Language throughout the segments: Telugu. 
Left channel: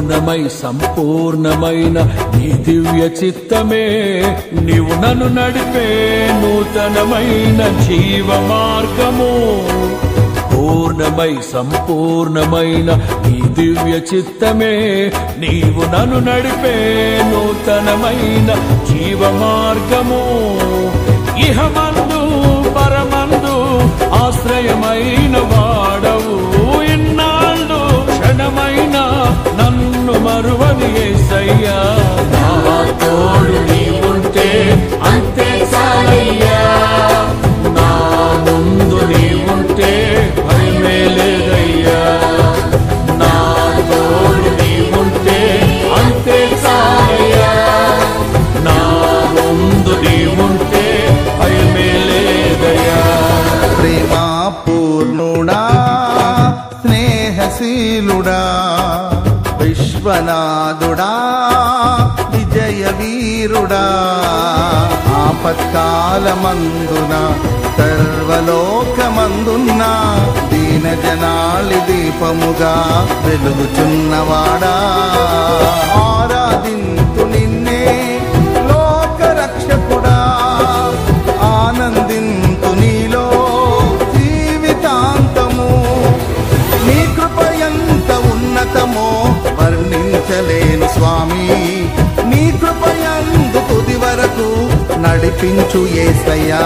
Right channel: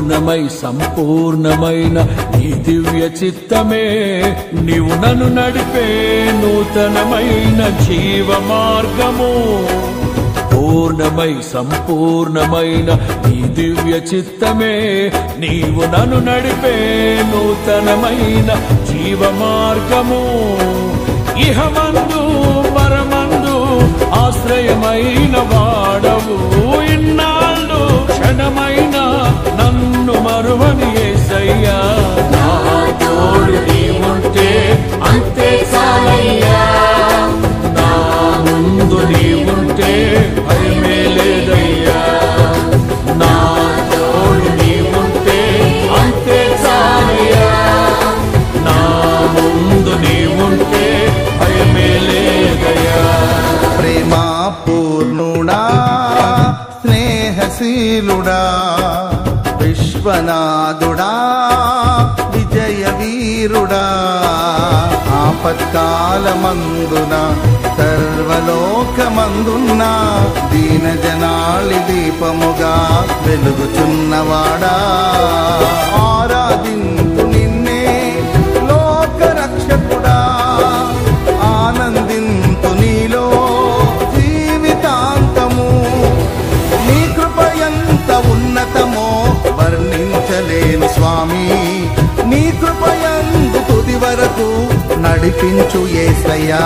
పూర్ణమై సంపూర్ణమైన నీ దివ్య చిత్తమే నీవు నన్ను నడిపే నూతనమైన జీవ మార్గము. పూర్ణమై సంపూర్ణమైన నీ దివ్య చిత్తమే నీవు నన్ను నడిపే నూతనమైన జీవ మార్గము. ఇహమందు పరమందు ఆశ్రయమైన వాడవు, ఇన్నాళ్ళు క్షణమైన నన్ను మరువని యేసయ్యా. నా తోడు నీవుంటే అంతే చాలయ్యా, నా ముందు నీవుంటే భయమే లేదయ్యా. నా తోడు నీవుంటే అంతే చాలయ్యా, నా ముందు నీవుంటే భయమే లేదయ్యా. ప్రేమా పూర్ణుడా స్నేహశీలుడా విశ్వనాథుడా విజయ వీరుడా, ఆపత్కాలమందున సర్వలోకమందున్న దీన జనాళి దీపముగా వెలుగుచున్నవాడా. ఆరాధింతు నిన్నే లోక రక్షకుడా, ఆనందింతు నీలో జీవితాంతము. నీ కృప ఎంత ఉన్నతమో వర్ణించలేను స్వామి, నీ కృపయందు తుది వరకు నడిపించు యేసయ్యా.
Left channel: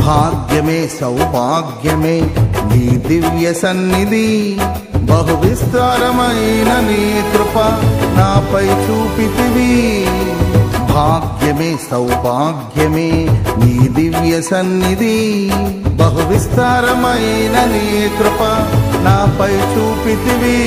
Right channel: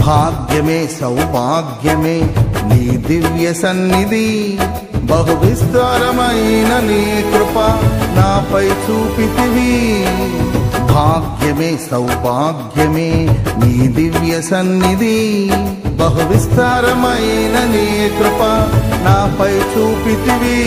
భాగ్యమే సౌభాగ్యమే నీ దివ్య సన్నిధి, బహు విస్తారమైన నీ కృప నాపై చూపితివి. భాగ్యమే సౌభాగ్యమే నీ దివ్య సన్నిధి, బహు విస్తారమైన నీ కృప నాపై చూపితివి.